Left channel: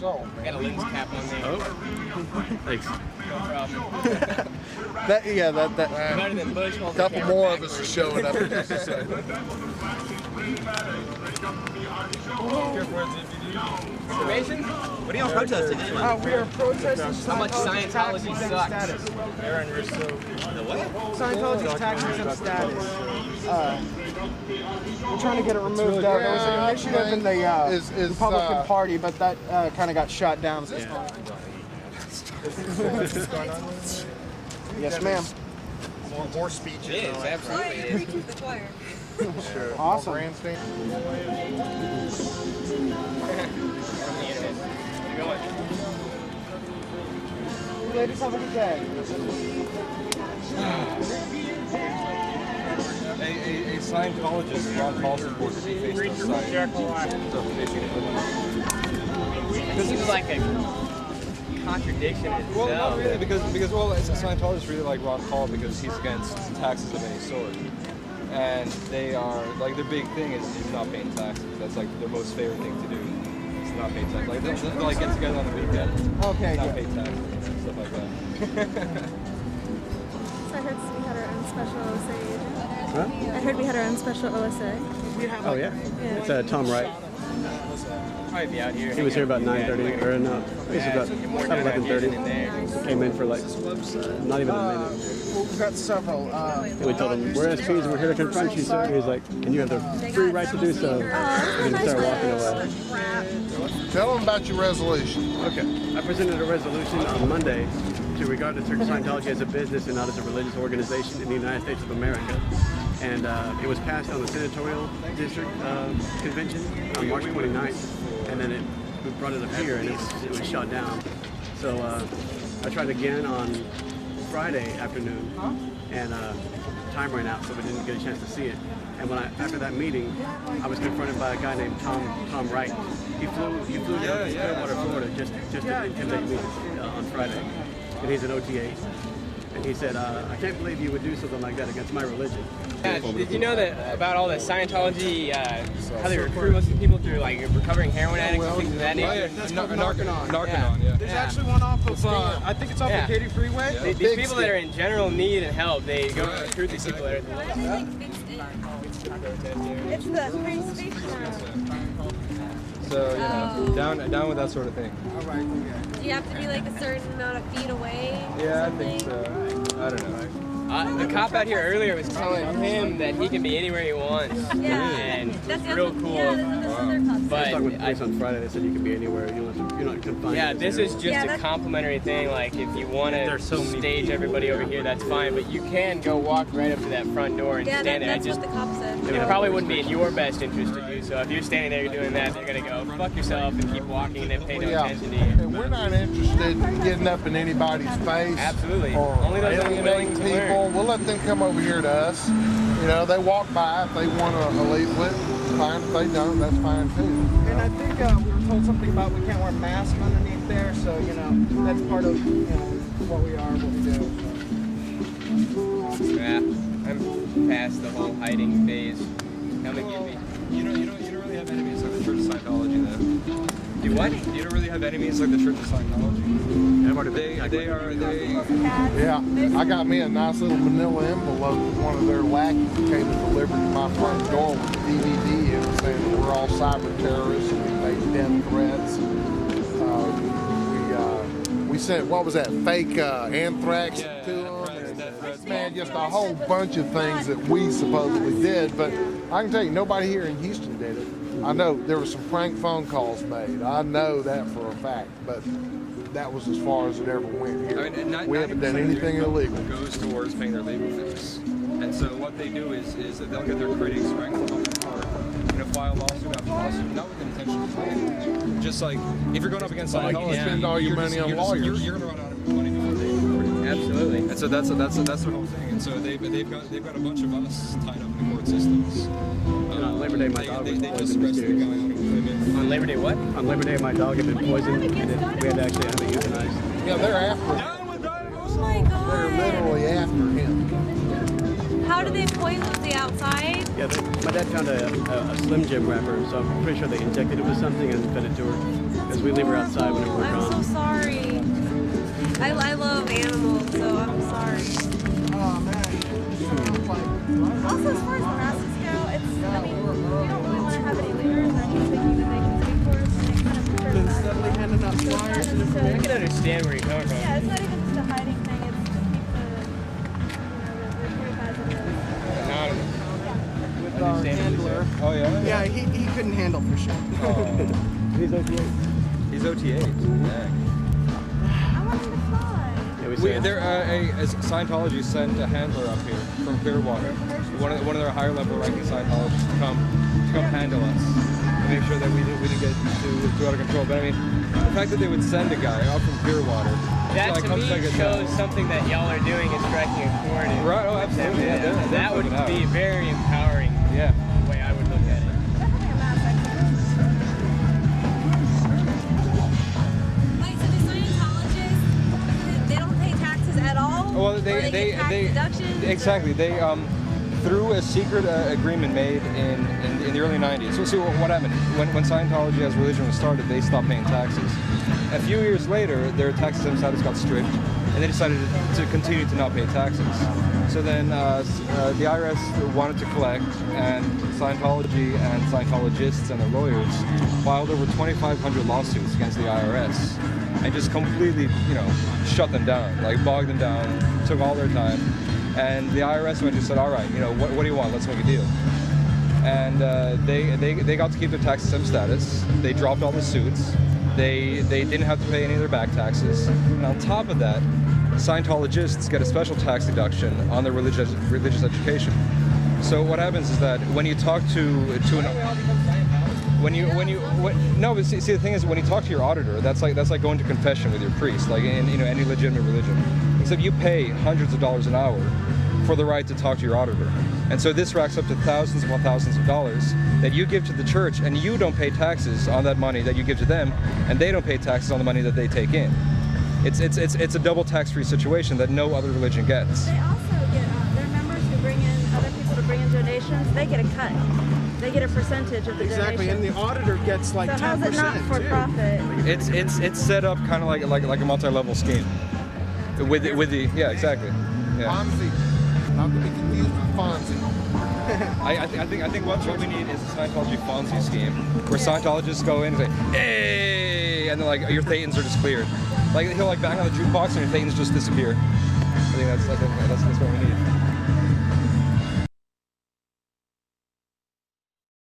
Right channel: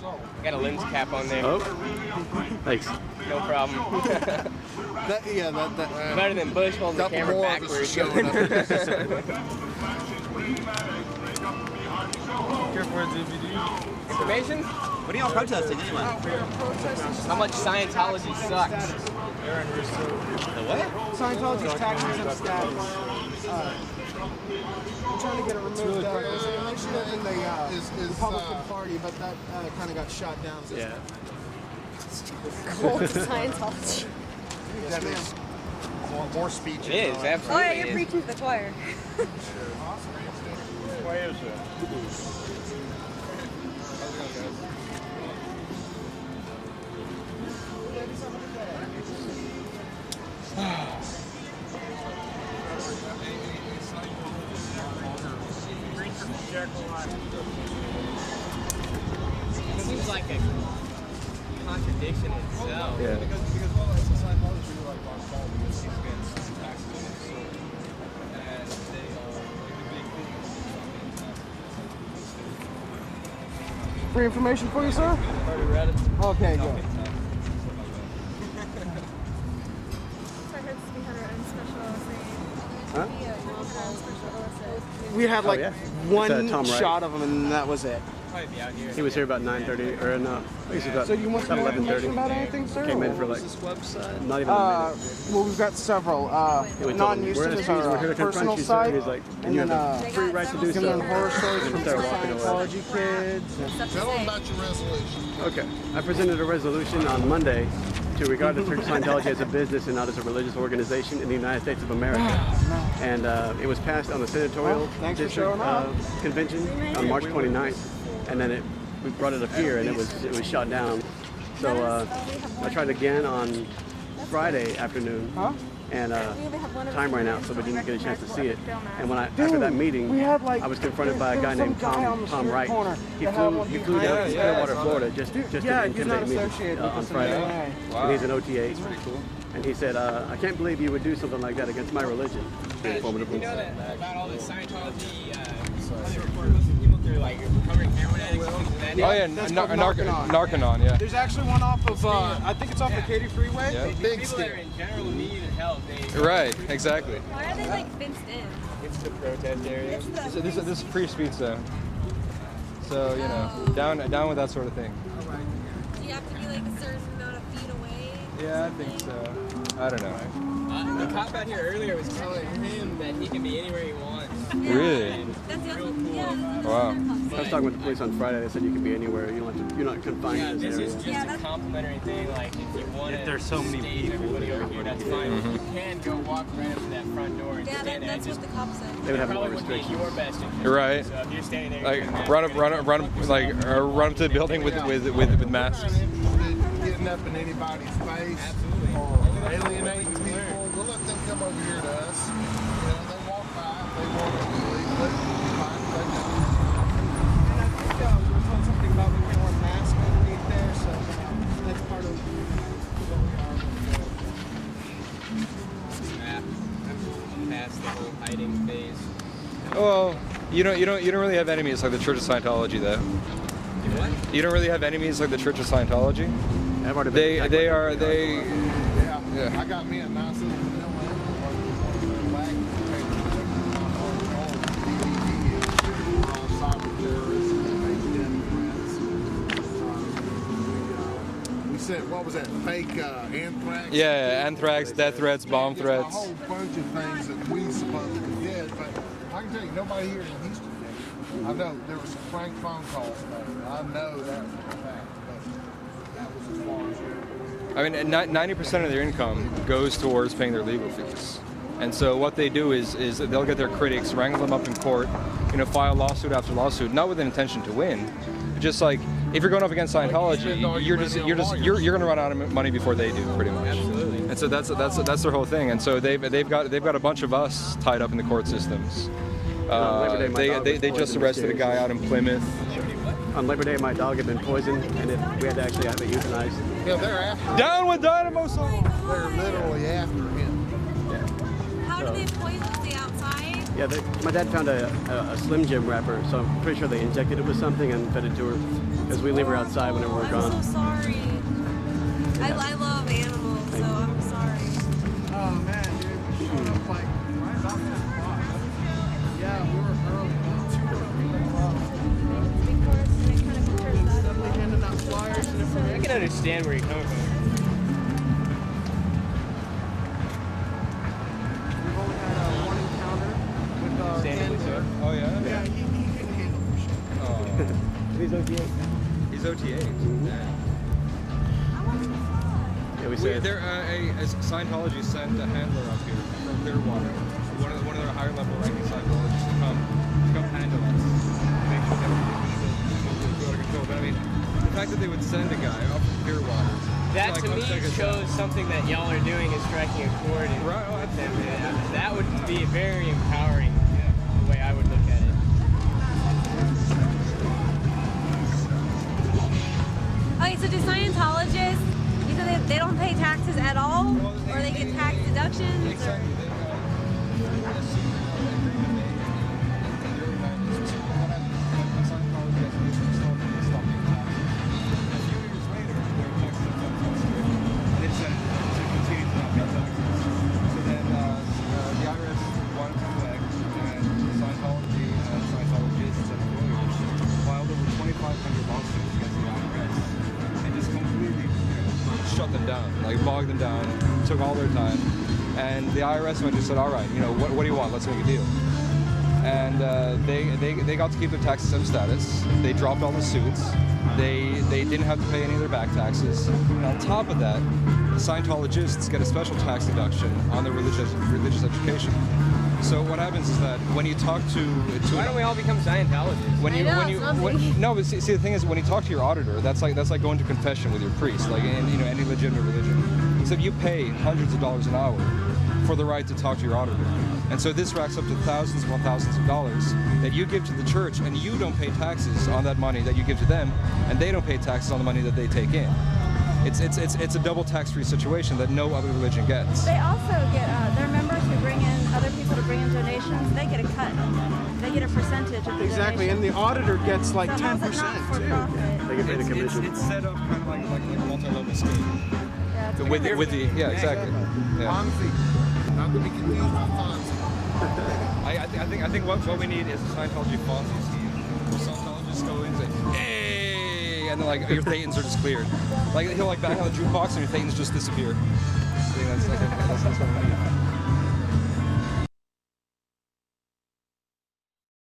years old. Got a lens cap on there. No problem. that Better than Bush holding the Couple camera more backwards. of us are showing up in just a second. Here for a DVD. Information? What are y'all protesting anyway? we are protesting How much Scientology sucks. Aaron Russo. The what? Scientology's tax exempt status. We're trying to get it removed. There was an initiative in the Republican Party, but that kind of got shot down. Scientology. Yes, ma'am. More speeches. It is, Oh, absolutely. yeah, you're preaching to the choir. Awesome. You ladies have a good day. A Scientologist got called It seems like a contradiction in Well, itself. not really, because it's a Scientologist really like Ron Paul because he's against taxes of any sort, and they are like the big thing is not paying taxes. That's like the most fair thing to do. Is not paying Free taxes. information for me, Like, sir? you guys have already read it. Okay, Not good. paying taxes, stuff like that. I heard we had our own special OSA. We had like one shot of them, and that was it. Probably be out here hanging out with these guys. I'm not gonna go. Yeah, So you want some more more down out here information than in about there. anything, sir? Or? What was this website? Well, we've got several. Non-Houston is our personal site, and then They got several Gunman Horror Shows, this is Scientology Kids. Tell them about your resolution. Regardless of Scientology as a business and not as a religious organization in the United States of America. And it was passed on the senatorial Thanks for showing up. convention on March 29th. And then it brought it up here and it was shot down. So I tried again on Friday afternoon. Huh? And time right now so that we can get a chance to see it. And when I after Dude, that meeting, we had like I was confronted by a there guy was some named guy on the Tom street Wright. corner that had one of these Down in Clearwater, Florida, just Yeah, he's not associated with us in any way. major OTAs. And he said, I can't believe you would do something like that against my religion. Yeah, did you know that about all the Scientology, how they recruit most of the people through like recovering heroin addicts and things of that nature? Oh yeah, That's called Narconon. Narconon, yeah. There's actually one off of, I think it's off the Katy Freeway. Yeah. These people that are in general need and help, they go Right, recruit these exactly. people Why are they like fenced in? It's the protest area. It's the This is free free speech. speech zone. So you know, down with that sort of thing. Do you have to be like a certain amount of feet away? or Yeah, I something? think so. I don't know. The cop out here earlier was telling him that he can be anywhere he wants. Yeah. Really? And That's the real other, cool. yeah, that's Wow. what their cops But say. this is just Yeah, a that's- complimentary thing. Like if you want to There's so many stage people everybody there. over here, that's fine. But you can go walk right up to that front door and Yeah, stand there. that's what the cops said. It probably wouldn't be in your best interest. to Right. do. So if you're standing there, you're Like doing that. run you're up, gonna run, go run, fuck yourself like and keep run to walking the and building with everything. with We're masks. not interested in getting up in anybody's face. Absolutely. Or Only those that are willing to people. learn. We'll let them come over here to us. You know, they walk by if they want to believe it. It's fine. If they don't, that's fine too. And I think we were told something about we can't wear masks underneath there, so you know that's part of what we are, what we do. Yeah, I'm past the whole hiding phase. Well, you don't really have enemies like the Church of Scientology, though. Do what? You don't really have enemies like the Church of Scientology. They. Yeah, I got me a nice little vanilla envelope from one of their lackeys that came to deliver to my front door. We're all cyber terrorists and death threats. We sent, what was that, fake anthrax? Yeah, anthrax, death threats, bomb Just a threats. whole bunch of things that we supposedly did, but I can tell you, nobody here in Houston did it. I know there were some prank phone calls made. I know that for a fact, but that was as far as it ever went. I mean, We haven't 90% done of their anything income illegal. goes towards paying their legal fees. And so what they do is they'll get their critics, wrangle them up in court, file lawsuit after lawsuit, not with an intention to win. Just like if you're going up against Scientology, you're going to run out of money before they do. Pretty much. Absolutely. So that's their whole thing. And so they've got a bunch of us tied up in the court systems. They just arrested a guy out in Plymouth. On Labor Day, what? Down with Dynamo! Oh my god! How do they poison the outside? That's horrible. I love animals, so I'm sorry. Oh man, you're showing up like right Also, on as far as classes go, it's Yeah, we're early. they can speak for us, and it kind of portrays that as well. So it's not necessarily. I can understand where you're coming from. Yeah, it's not even just a hiding thing. Understandably so. Oh yeah. Yeah, he couldn't handle for sure. I want him to fly. Scientology sent a handler up here from Clearwater. One of their higher level writers said, come handle us. Make sure that we get to out of control. But I mean, the fact that they would send a guy out from Clearwater. That to me shows something that y'all are doing is striking a chord with them. And that would be very empowering. Yeah. The way I would look at it. Okay, so do Scientologists, because they don't pay taxes at all? Well, or they get tax deductions? Exactly. Or? They through a secret agreement made in the early 90s. So see what happened when Scientology as a religion was started, they stopped paying taxes. A few years later, their tax exempt status got strict, and they decided to continue to not pay taxes. So then the IRS wanted to collect, and Scientology and Scientologists and their lawyers filed over 2,500 lawsuits against the IRS. And just completely, shut them down, like bogged them down, took all their time. And the IRS went and just said, all right, what do you want? Let's make a deal. And they got to keep their tax exempt status. They dropped all the suits. They didn't have to pay any of their back taxes. And on top of that, Scientologists get a special tax deduction on their religious education. So what happens is that when you talk to Why don't we all become Scientologists? no, but see the thing is when you talk to your auditor, that's like going to confession with your priest, like in any legitimate religion. Except you pay hundreds of dollars an hour for the right to talk to your auditor, and so this racks up to thousands upon thousands of dollars that you give to the church, and you don't pay taxes on that money that you give to them, and they don't pay taxes on the money that they take in. It's a double tax-free situation that no other religion gets. They also get their members who bring in other people to bring in donations. They get a cut. They get a percentage of the Exactly, and the auditor gets like so 10%. how's it not for too. profit? It's set up kind of like a multi-level scheme. Yeah, it's With the exactly. Yeah. Not to be confused with Fonzie. I think what's really neat is the Scientology Fonzie scheme, where Scientologists go in and say, "Hey," and then like your thetans are just cleared. Like he'll bang on the jukebox and your thetans just disappear. I think that's what we need.